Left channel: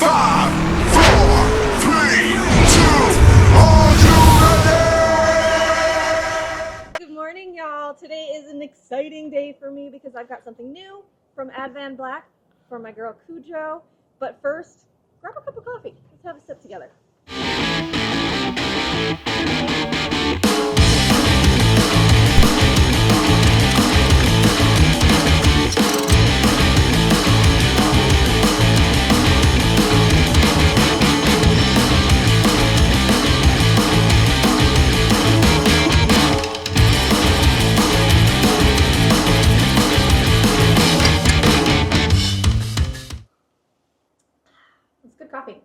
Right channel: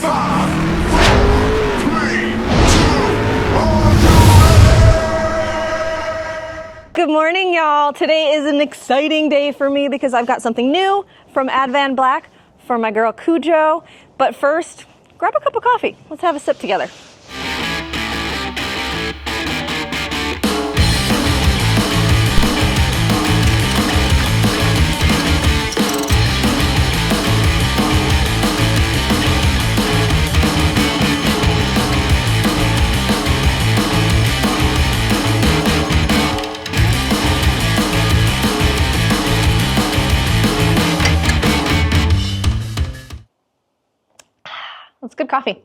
Good morning, y'all. Today is an exciting day for me because I've got something new from Advanblack for my girl Cujo. But first, grab a cup of coffee. Let's have a sip together. That's good coffee.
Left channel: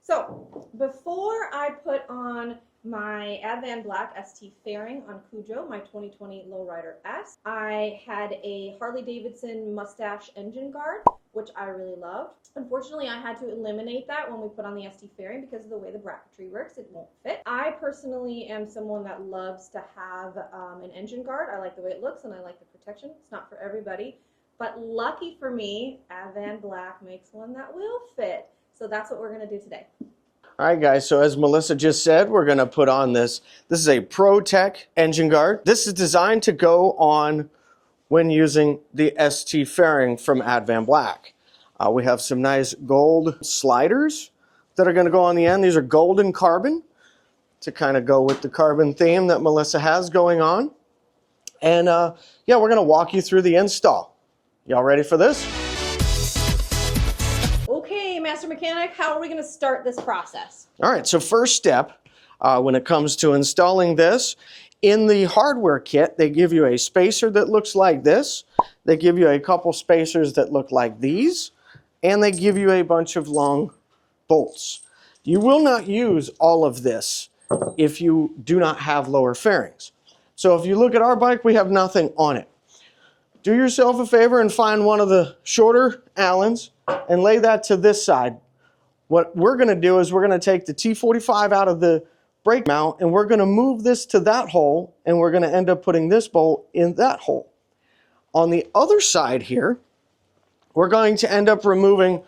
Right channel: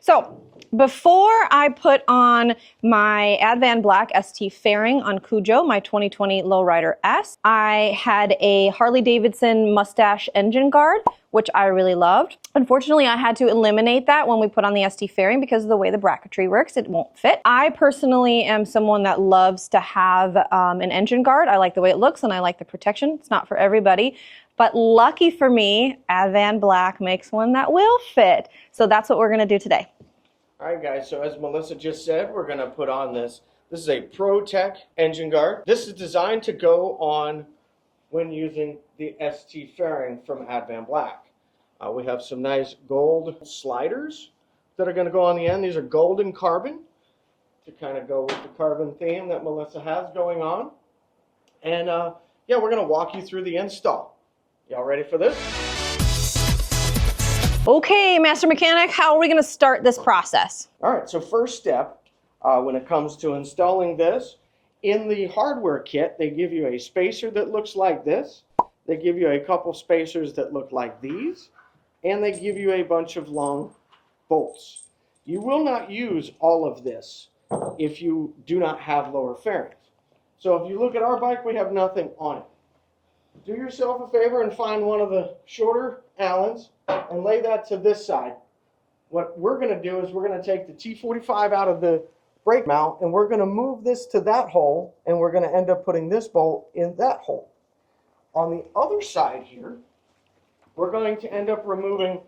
So before I put on my Advanblack ST fairing on Cujo, my 2020 Lowrider S, I had a Harley Davidson mustache engine guard, which I really loved. Unfortunately, I had to eliminate that when we put on the ST fairing because of the way the bracketry works, it won't fit. I personally am someone that loves to have an engine guard. I like the way it looks and I like the protection. It's not for everybody. But lucky for me, Advanblack makes one that will fit. So that's what we're gonna do today. All right, guys, so as Melissa just said, we're gonna put on this. This is a Protek engine guard. This is designed to go on when using the ST fairing from Advanblack. We have some nice gold sliders that are gonna go on the end. These are golden carbon to kind of go with the carbon theme that Melissa has going on. And yeah, we're gonna walk you through the install. Y'all ready for this? Okay, Master Mechanic, how are we gonna start this process? All right, so first step, when it comes to installing this, in the hardware kit, they give you a spacer that looks like this. They give you a couple spacers that look like these, and they give you a bunch of long bolts. You will not use all of this if you do not have lower fairings. So if you look at our bike, we have nothing on it. Do yourself a favor and find one of the shorter Allens and lay that to this side. What we're going to do is we're going to take the T45 out of the brake mount and we're going to move this to that hole and we're going to end up putting this bolt in that hole. On the other side here, we're going to end up removing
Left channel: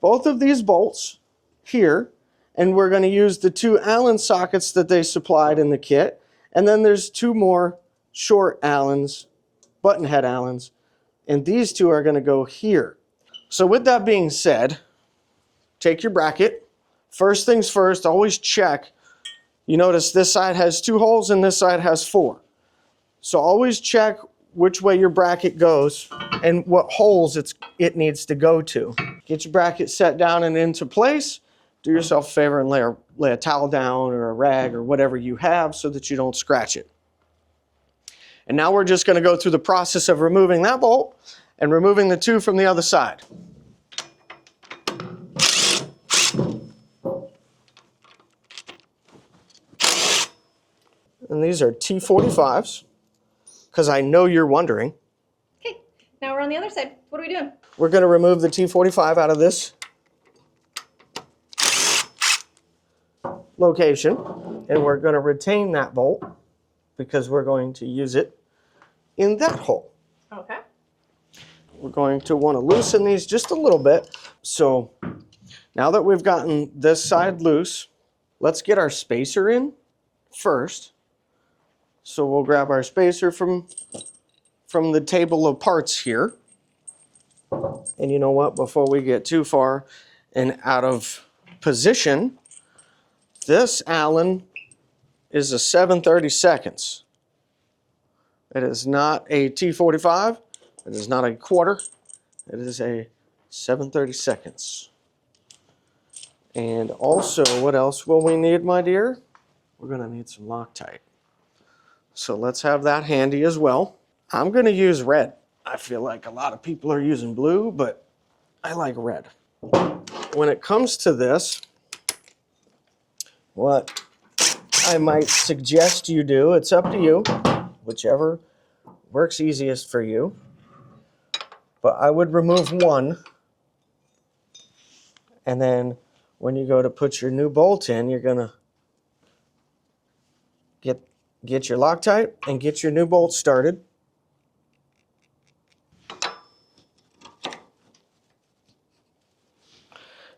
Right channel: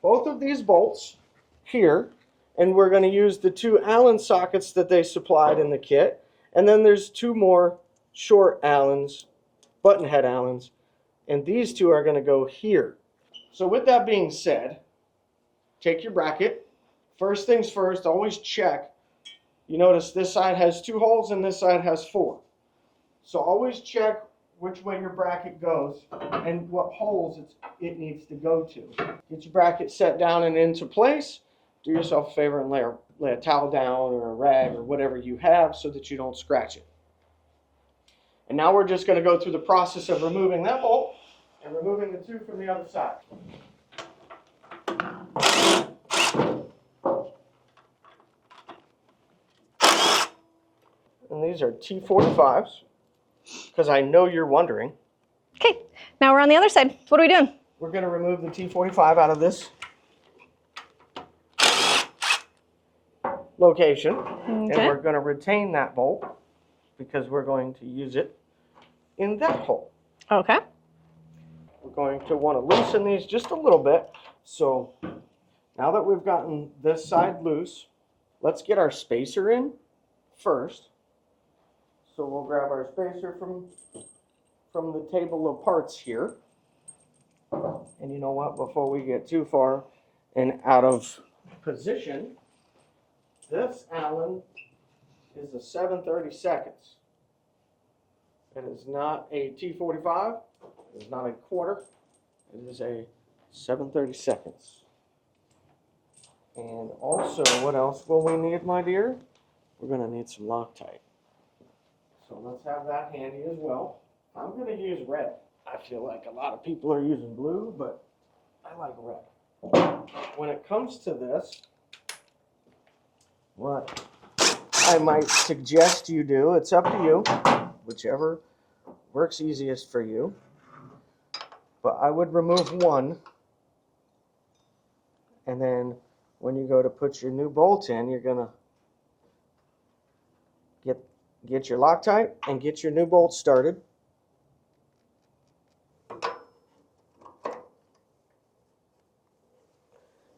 both of these bolts here and we're going to use the two Allen sockets that they supplied in the kit. And then there's two more short Allens, button head Allens, and these two are going to go here. So with that being said, take your bracket. First things first, always check. You notice this side has 2 holes and this side has 4. So always check which way your bracket goes and what holes it needs to go to. Get your bracket set down and into place. Do yourself a favor and lay a towel down or a rag or whatever you have so that you don't scratch it. And now we're just going to go through the process of removing that bolt and removing the 2 from the other side. And these are T45s, because I know you're wondering. Okay, now we're on the other side. What are we doing? We're going to remove the T45 out of this location, and we're going to retain that bolt because we're going to use it in that hole. Okay. We're going to want to loosen these just a little bit. So now that we've gotten this side loose, let's get our spacer in first. So we'll grab our spacer from the table of parts here. And you know what, before we get too far and out of position, this Allen is a 7/32. It is not a T45. It is not a quarter. It is a 7/32. And also, what else will we need, my dear? We're going to need some Loctite. So let's have that handy as well. I'm going to use red. I feel like a lot of people are using blue, but I like red. When it comes to this, what I might suggest you do, it's up to you, whichever works easiest for you. But I would remove one, and then when you go to put your new bolt in, you're gonna get your Loctite and get your new bolt started.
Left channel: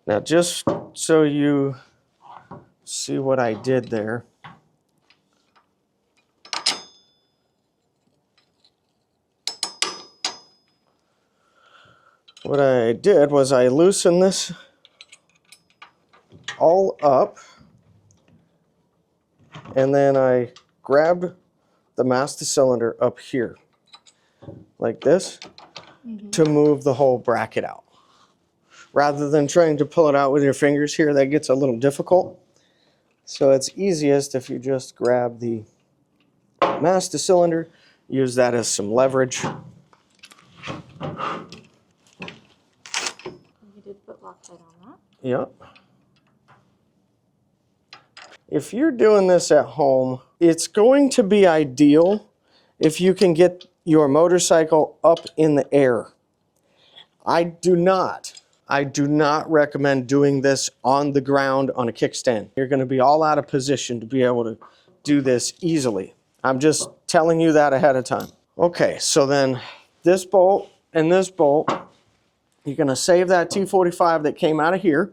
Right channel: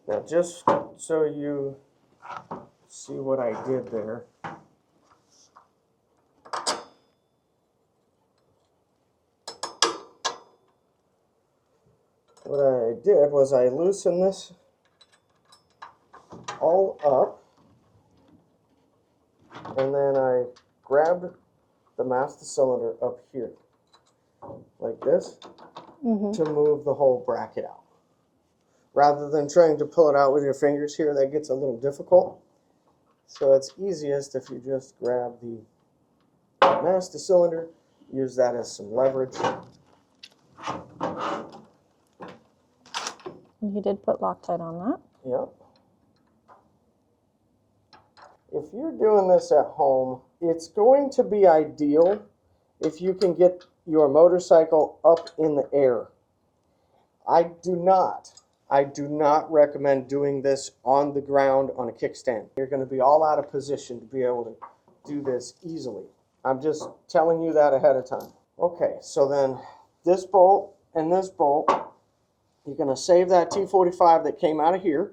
Now, just so you see what I did there. What I did was I loosened this all up, and then I grabbed the master cylinder up here, like this, to move the whole bracket out. Rather than trying to pull it out with your fingers here, that gets a little difficult. So it's easiest if you just grab the master cylinder, use that as some leverage. You did put Loctite on that. Yep. If you're doing this at home, it's going to be ideal if you can get your motorcycle up in the air. I do not recommend doing this on the ground on a kickstand. You're going to be all out of position to be able to do this easily. I'm just telling you that ahead of time. Okay, so then this bolt and this bolt, you're going to save that T45 that came out of here,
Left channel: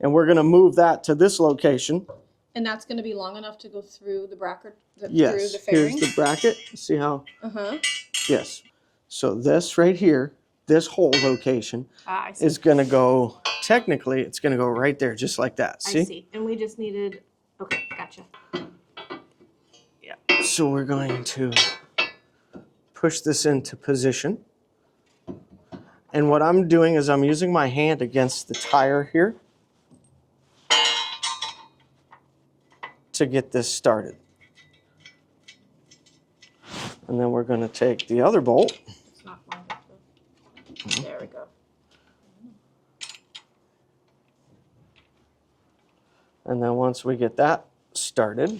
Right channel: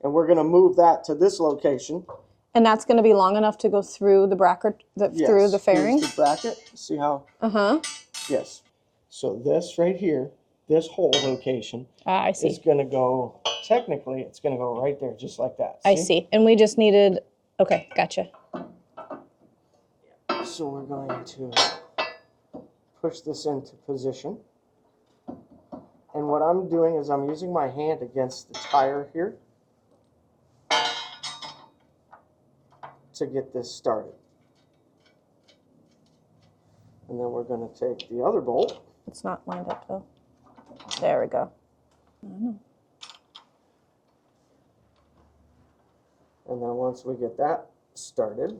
and we're going to move that to this location. And that's going to be long enough to go through the bracket, through the fairing? Here's the bracket. See how? Uh-huh. Yes. So this right here, this whole location I see. is going to go, technically, it's going to go right there, just like that. See? I see. And we just needed, okay, gotcha. Yeah. So we're going to push this into position. And what I'm doing is I'm using my hand against the tire here to get this started. And then we're going to take the other bolt. It's not lined up though. There we go. And then once we get that started,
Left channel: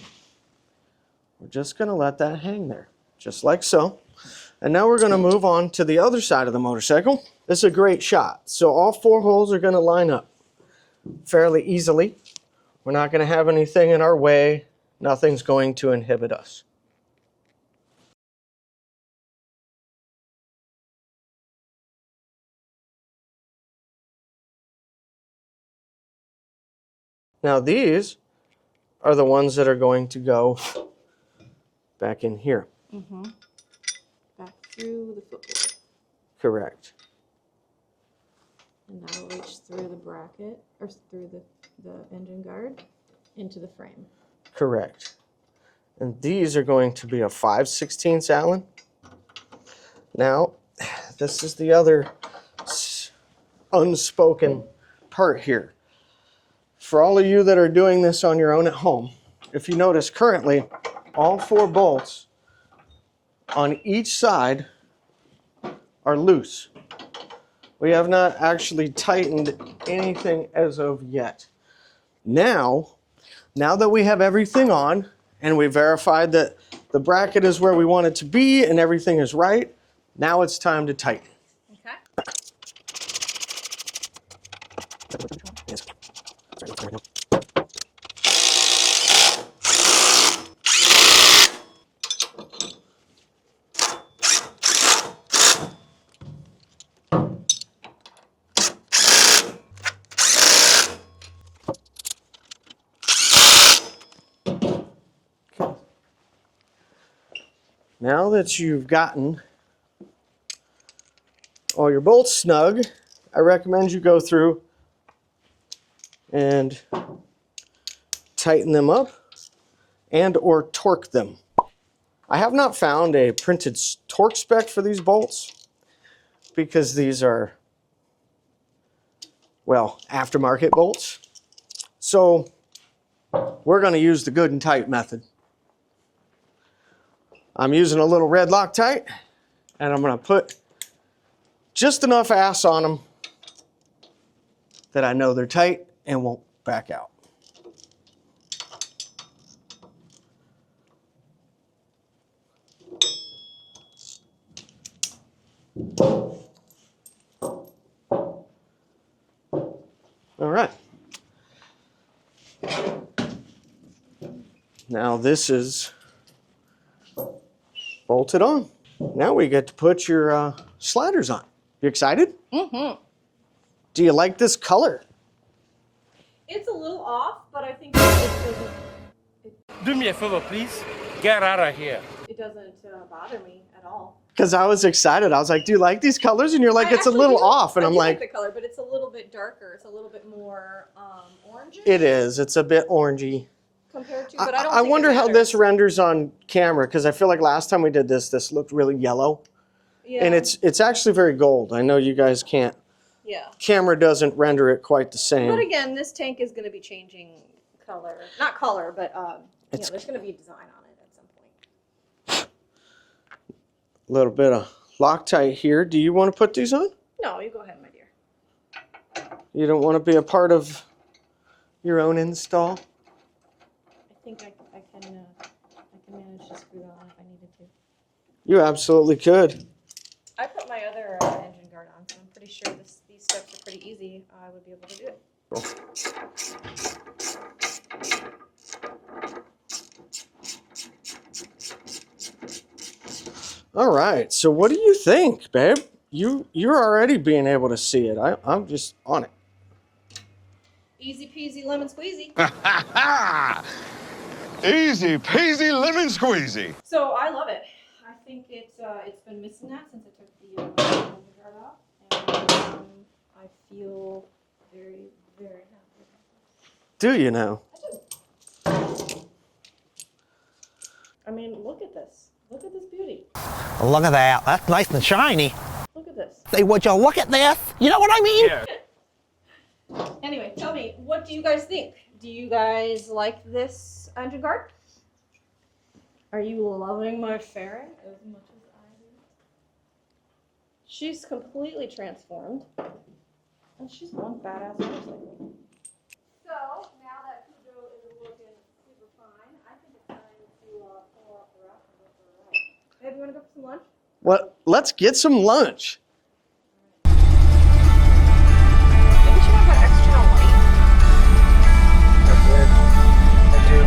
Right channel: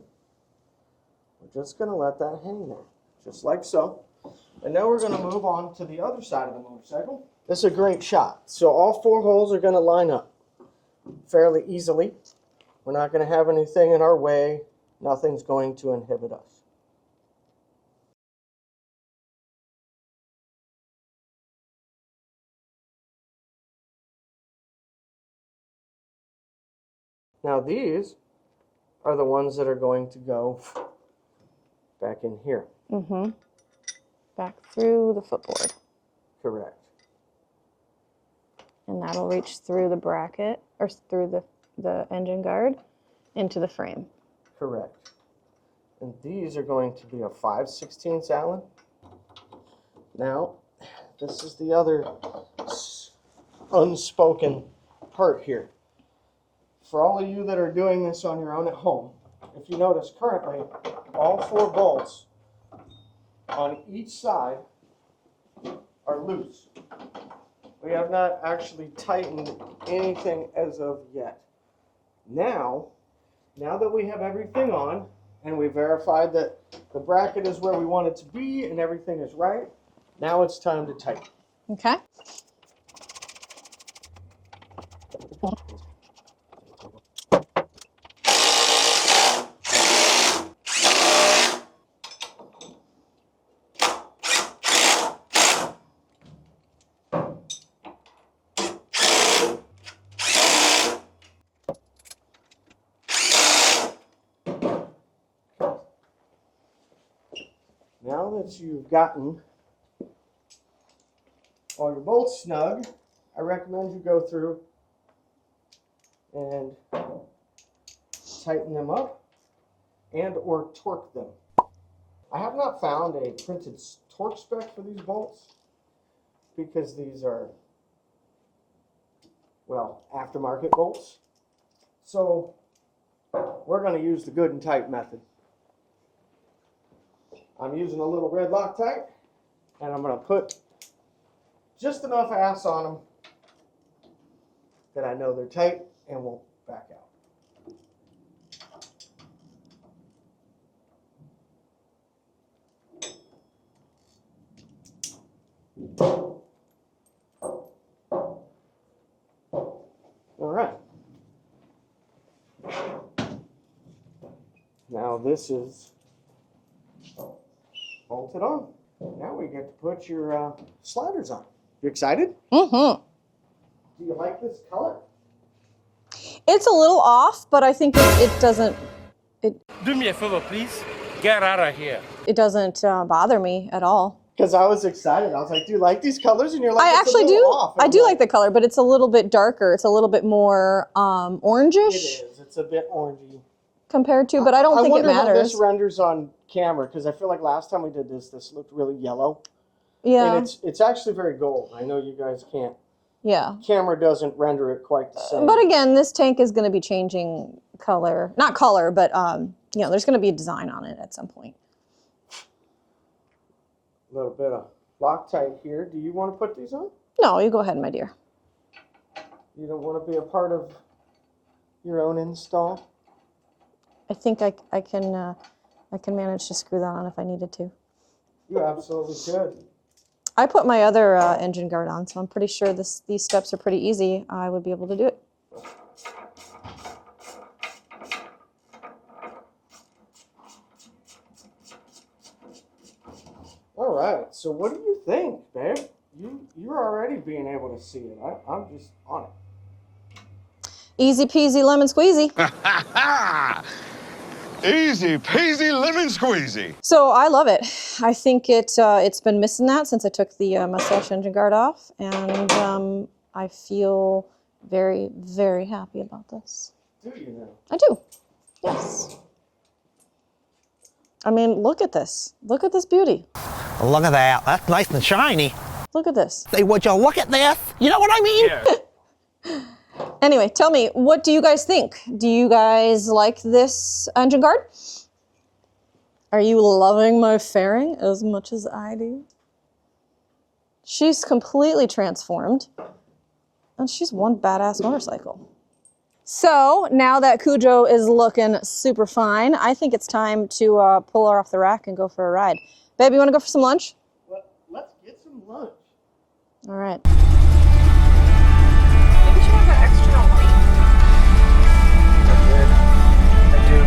we're just going to let that hang there, just like so. And now we're going to move on to the other side of the motorcycle. This is a great shot. So all 4 holes are going to line up fairly easily. We're not going to have anything in our way. Nothing's going to inhibit us. Now these are the ones that are going to go back in here. Mm-hmm. Back through the footboard. Correct. And that'll reach through the bracket, or through the engine guard, into the frame. Correct. And these are going to be a 5/16 Allen. Now, this is the other unspoken part here. For all of you that are doing this on your own at home, if you notice currently, all 4 bolts on each side are loose. We have not actually tightened anything as of yet. Now that we have everything on and we verified that the bracket is where we want it to be and everything is right, now it's time to tighten. Okay. Now that you've gotten all your bolts snug, I recommend you go through and tighten them up and or torque them. I have not found a printed torque spec for these bolts because these are, well, aftermarket bolts. So we're going to use the good and tight method. I'm using a little red Loctite, and I'm going to put just enough ass on them that I know they're tight and won't back out. All right. Now this is bolted on. Now we get to put your sliders on. You excited? Mm-hmm. Do you like this color? It's a little off, but I think it doesn't. Do me a favor, please. Get out of here. It doesn't bother me at all. Because I was excited. I was like, do you like these colors? And you're like, I it's a actually little do. off. And I I'm do like, like the color, but it's a little bit darker. It's a little bit more orangish. it is. It's a bit orangey. Compared to, but I don't think it wonder how matters. this renders on camera, because I feel like last time we did this looked really yellow. Yeah. And it's actually very gold. I know you guys can't. Yeah. Camera doesn't render it quite the same. But again, this tank is going to be changing color. Not color, but you know, there's going to be a design on it at some point. A little bit of Loctite here. Do you want to put these on? No, you go ahead, my dear. You don't want to be a part of your own install? I think I can manage to screw that on if I needed to. You absolutely could. I put my other engine guard on, so I'm pretty sure these steps are pretty easy. I would be able to do it. All right, so what do you think, babe? You're already being able to see it. I'm just on it. Easy peasy lemon squeezy. Easy peasy lemon squeezy. So I love it. I think it's been missing that since I took the mustache engine guard off, and I feel very, very happy about this. Do you know? I do. Yes. I mean, look at this. Look at this beauty. Look at that. That's nice and shiny. Look at this. Say, would you look at this? You know what I mean? Yeah. Anyway, tell me, what do you guys think? Do you guys like this engine guard? Are you loving my fairing as much as I do? She's completely transformed, and she's one badass motorcycle. So now that Cujo is looking super fine, I think it's time to pull her off the rack and go for a ride. Babe, you want to go for some lunch? Well, let's get some lunch. All right. Maybe she wants that extra white. I do.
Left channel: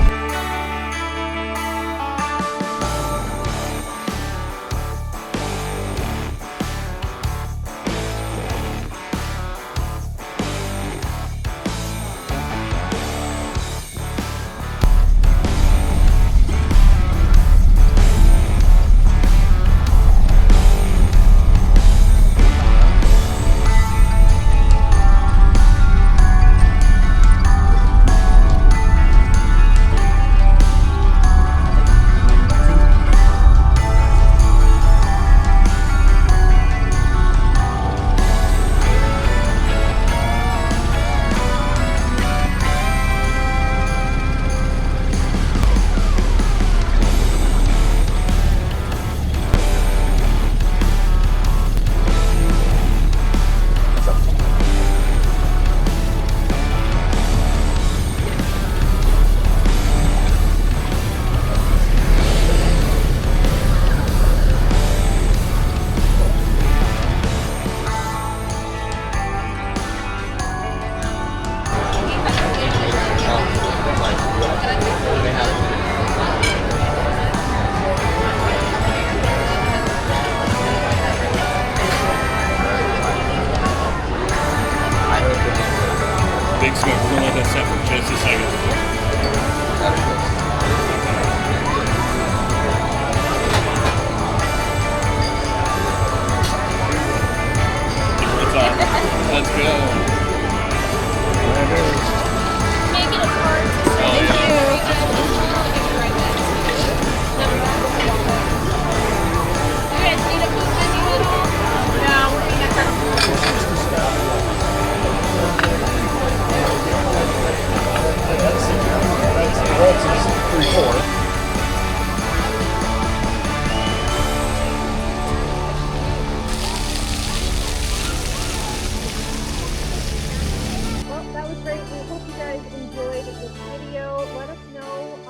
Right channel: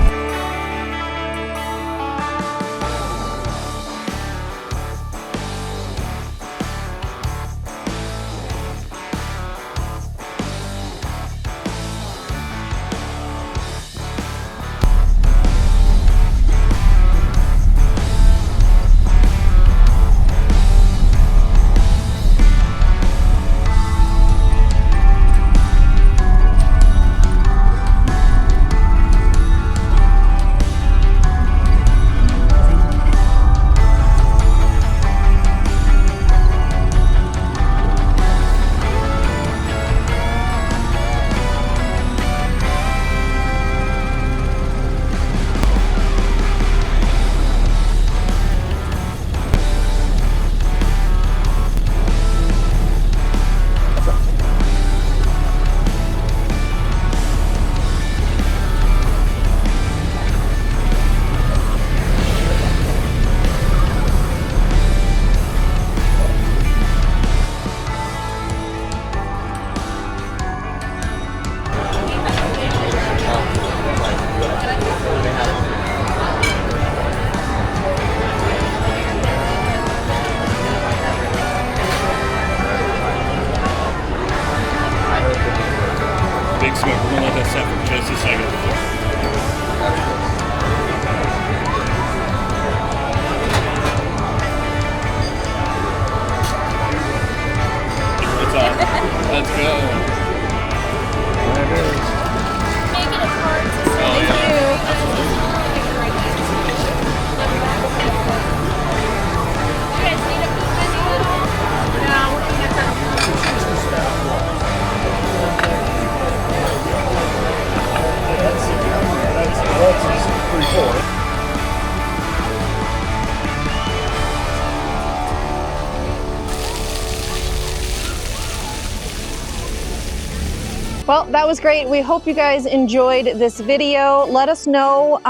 Big smoke. We're gonna let that set for just a second. It's on. Let's go. There it is. Making it hard to say. Oh, yeah. You guys need a peek menu at all? No, we're gonna have to. Well, that was great. We hope you guys enjoyed this video. Let us know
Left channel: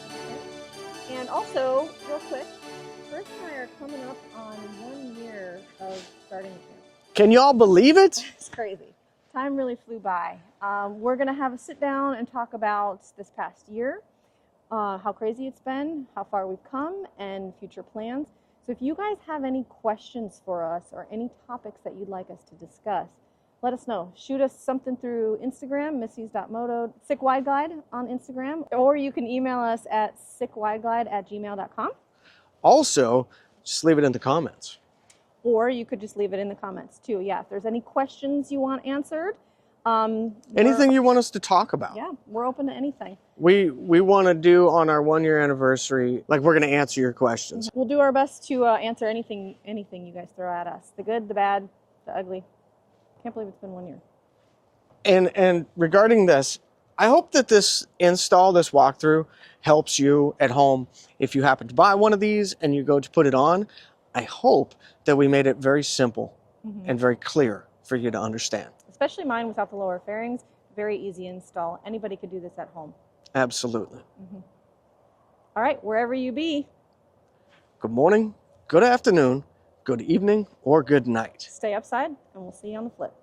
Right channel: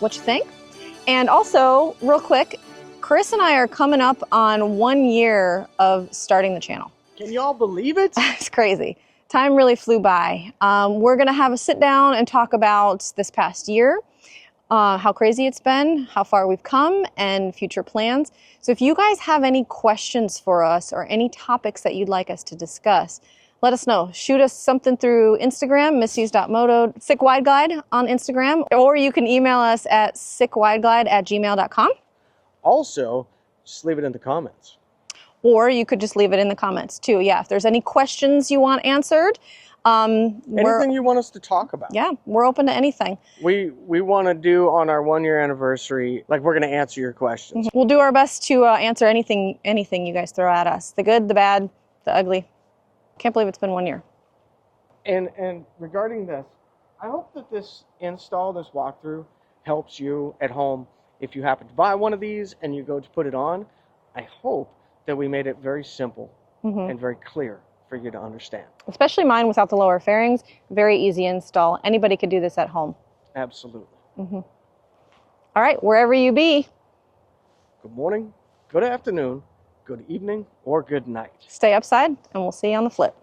what you think. And also, real quick, Chris and I are coming up on 1 year of starting the channel. Can y'all believe it? It's crazy. Time really flew by. We're gonna have a sit down and talk about this past year, how crazy it's been, how far we've come, and future plans. So if you guys have any questions for us or any topics that you'd like us to discuss, let us know. Shoot us something through Instagram, missy's.moto, Sickwideglide on Instagram, or you can email us at sickwideglide@gmail.com. Also, just leave it in the comments. Or you could just leave it in the comments too. Yeah, if there's any questions you want answered, Anything you want us to talk about. yeah, we're open to anything. We want to do on our 1-year anniversary, like we're going to answer your questions. We'll do our best to answer anything you guys throw at us. The good, the bad, the ugly. Can't believe it's been 1 year. And regarding this, I hope that this walkthrough helps you at home. If you happen to buy one of these and you go to put it on, I hope that we made it very simple and very clear for you to understand. Especially mine without the lower fairings. Very easy install. Anybody could do this at home. Absolutely. All right, wherever you be, Good morning, good afternoon, good evening, or good night. stay upside, and we'll see you on the flip.